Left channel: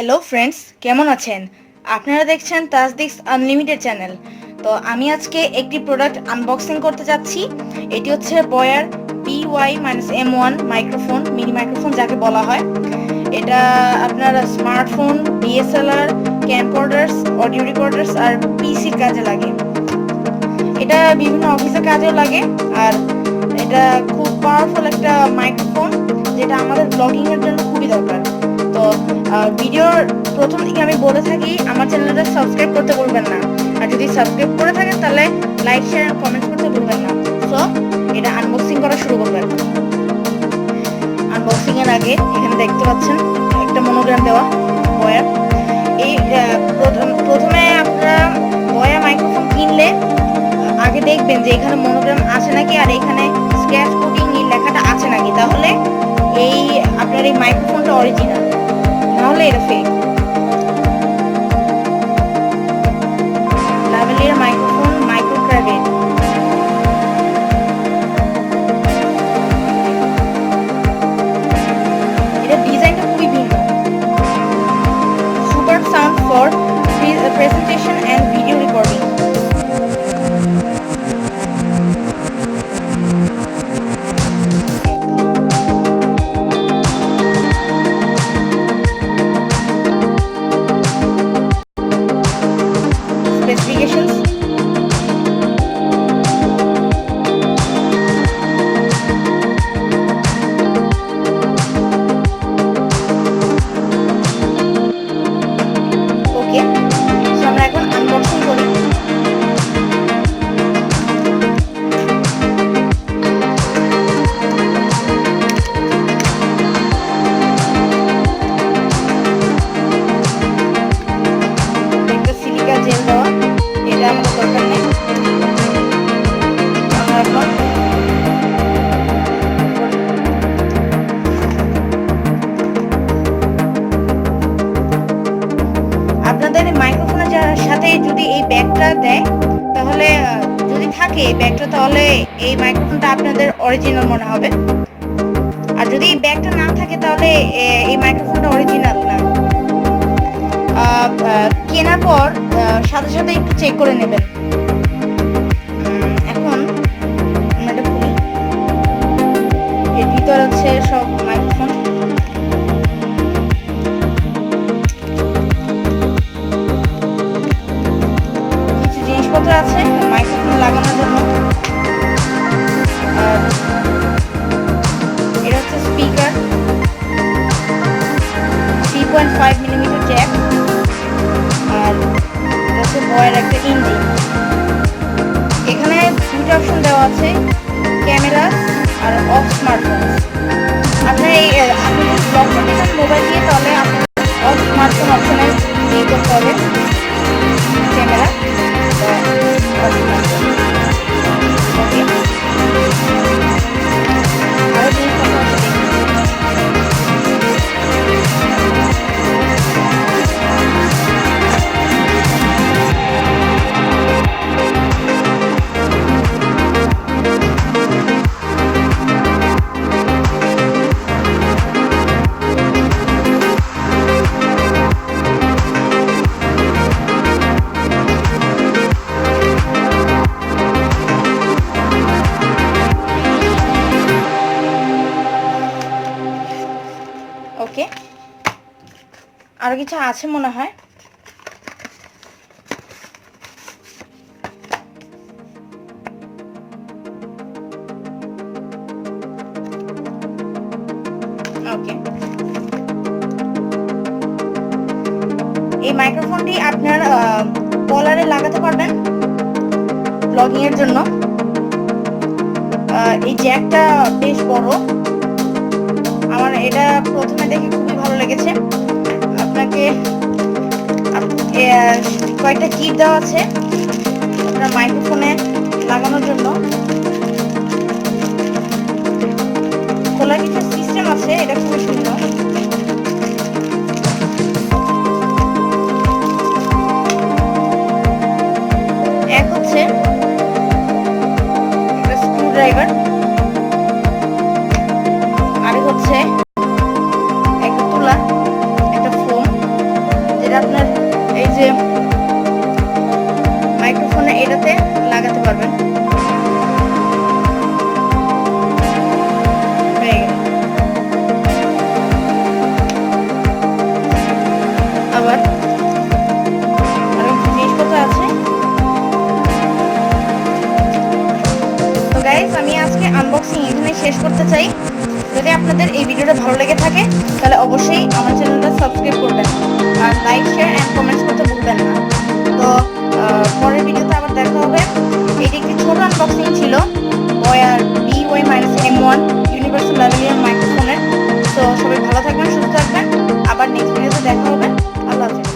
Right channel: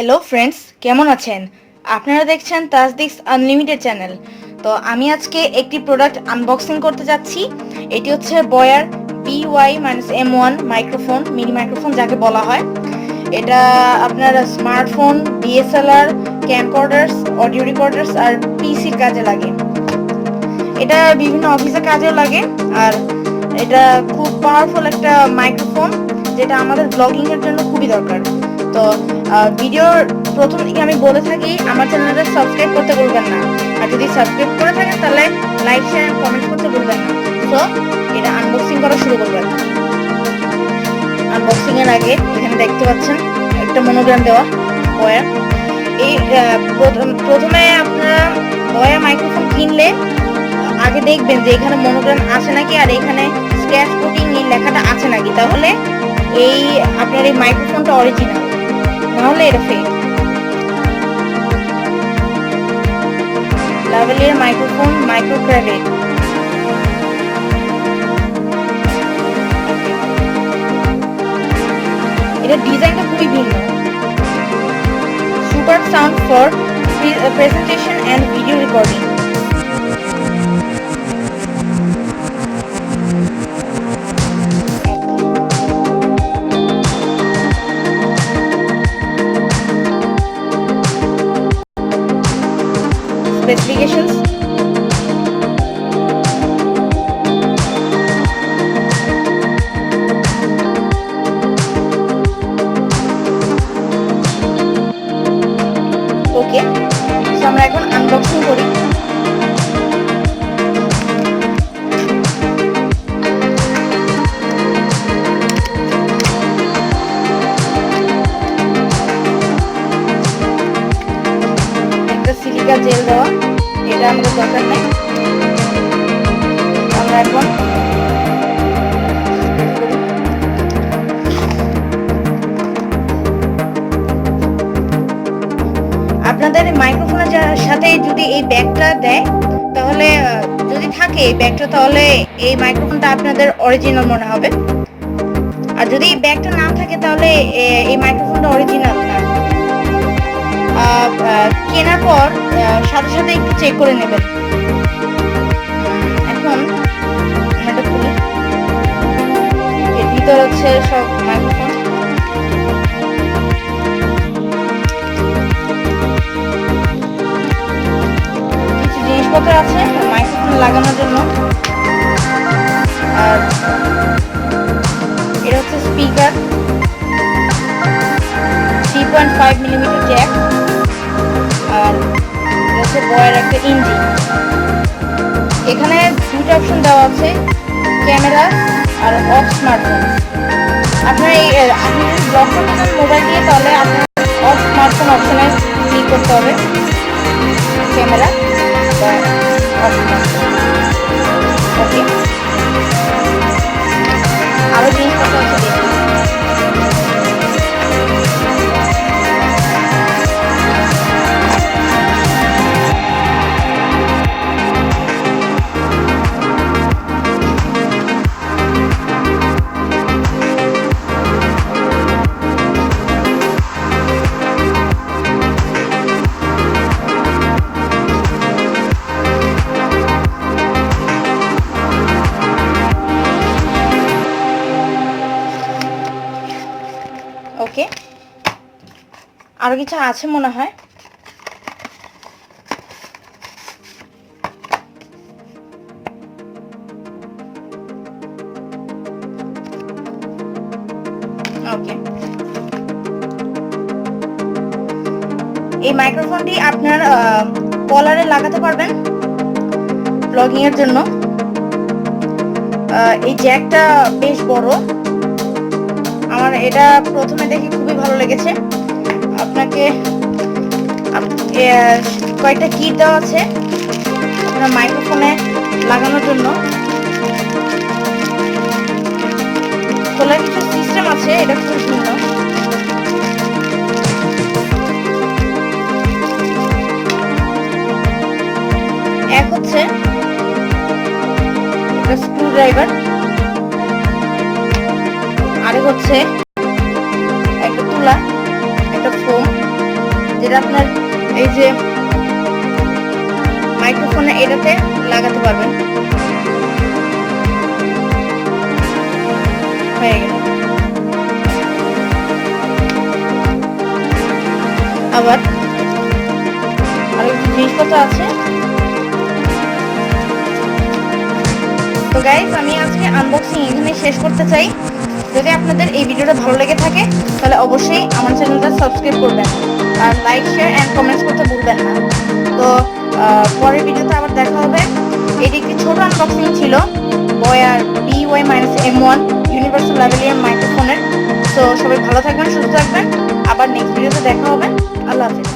Hello friends, কেমন আছেন? আপনারা দেখছেন তাজদিক্স আনলিমিটেড চ্যানেল। তো আমি আজকে একটি প্রোডাক্ট আনবক্সিং করতে যাচ্ছি। এটি হচ্ছে বয়ার BY-M1 মাইক্রোফোন, মিনি মাইক্রোফোন যাকে বলা হয়। এটা আপনার স্মার্টফোন, DSLR, ক্যামকর্ডার্স, অডিও রেকর্ডার্স আর পিসির কাজে লাগে। এটা বিভিন্ন অফিসের কাজেও লাগে। আর এটা খুব পাওয়ারফুল একটা মাইক্রোফোন, যেটা আমাদের ব্লগিংয়ের জন্য খুবই দরকার। তো ভিডিওর প্রথম দিকে আমি বলে থাকি আমার চ্যানেলটা সাবস্ক্রাইব করতে ভুলবেন না, আর যদি সাবস্ক্রাইব করে থাকেন তাহলে লাইক, শেয়ার এন্ড কমেন্ট করতে ভুলবেন না। সো এটা আনবক্সিং করা শুরু করবেন। আনবক্সিং এর আগে এখানে দেখতে পাচ্ছেন একটা মনোগ্রাম দেওয়া বয়ার। এই প্রথমে আপনারা বয়া মাইক্রোফোন কিনলে আগে দেখবেন যে এখানে মনোগ্রাম আছে নাকি, আর এখানে স্ক্র্যাচ কোটিং এই লেখাটা আছে নাকি, তাহলে এই আপনার এই মাইক্রোফোনটা অরিজিনাল, নাহলে এটা ফেক। ল্যাপেলের মাইক্রোফোন, মাইক্রো ক্র্যাভেট। এটা ডিজাইনটা খুবই ভিন্ন। Super sound for presentation and video recording. Specifications. Okay, so আমরা এখন আনবক্সিং করি। একটা সিলিকা জেল দেওয়া, এটা আমাদের দরকার নেই। আমরা এখন আপনাদের মাইক্রোফোনের সাথে যদি এই ব্যাগটা দেয়, তাহলে যদি থাকে এই ব্যাগটা, তাহলে এই মাইক্রোফোনটা আপনাদের অরিজিনাল মনে হবে। আর যদি এই ব্যাগটা না থাকে, তাহলে এই মাইক্রোফোনটা অরিজিনাল না। কেনার পর সাথে সাথে একটু চেক করে নেবেন। এখন এটা খুলি। এর ভিতর আছে সব মাইক্রোফোন। কিছু জিনিসপত্র আছে মাইক্রোফোন লাগানোর জন্য। আর এটা হচ্ছে স্পিকার, 3.5 মিলিমিটার জ্যাক। আর এটা হচ্ছে বয়ের একটা ইঞ্জিন। এখানে দুটো অপশন দেওয়া আছে, ক্যামেরা আর অফ স্মার্টফোন। আপনি যদি ব্লক করতে চান মোবাইল দিয়ে, তাহলে আপনার অফ স্মার্টফোন অপশনে ক্লিক করতে হবে, ক্যামেরা বা অফ স্মার্টফোন। ওকে, আরও জিনিসপত্র আছে দেখি। ওকে, আরো কিছু আছে মনে হয়। ওকে, এই মাইক্রোফোনটি আপনার কলারে লাগাতে পারবেন ব্লগিং এর জন্য। এই জ্যাকটা বেশ বড়, আমার এটা প্রথমে দেখে খুবই ভালো লেগেছে। আপনাকে কয়েকটা কিট দেওয়া আছে আপনার মাইক্রোফোনে লাগানোর জন্য। খোলার কিছু সিস্টেম আছে, এটা খুবই ভিন্ন। এক হচ্ছে একটা স্ক্রু ড্রাইভার, আরেক হচ্ছে একটা তুলা, একটা ফোম, যেটা আপনার এই যে মাইক্রোফোনে এটাতে লাগাতে পারবেন। হয়ে গেল। আবার আরো কিছু জিনিসপত্র আছে। তো গাইস, আমি আজকে আনবক্সিং এখানে শেষ করতে চাই। যদি আপনাদের এই ভিডিওটা ভালো লেগে থাকে তাহলে অবশ্যই আমার চ্যানেলটা সাবস্ক্রাইব করবেন আর লাইক, শেয়ার এন্ড কমেন্টস করতে ভুলবেন না। তো পরের ভিডিওতে আবার দেখা হবে। এটি একটি ছোট আনবক্সিং ছিল বয়ার BY-M1 ইউনিভার্সাল ল্যাভেলিয়ার মাইক্রোফোনের। তো সবাই ভালো থাকবেন, সুস্থ থাকবেন। আবার নেক্সট ভিডিওতে দেখা হবে। আল্লাহ হাফেজ।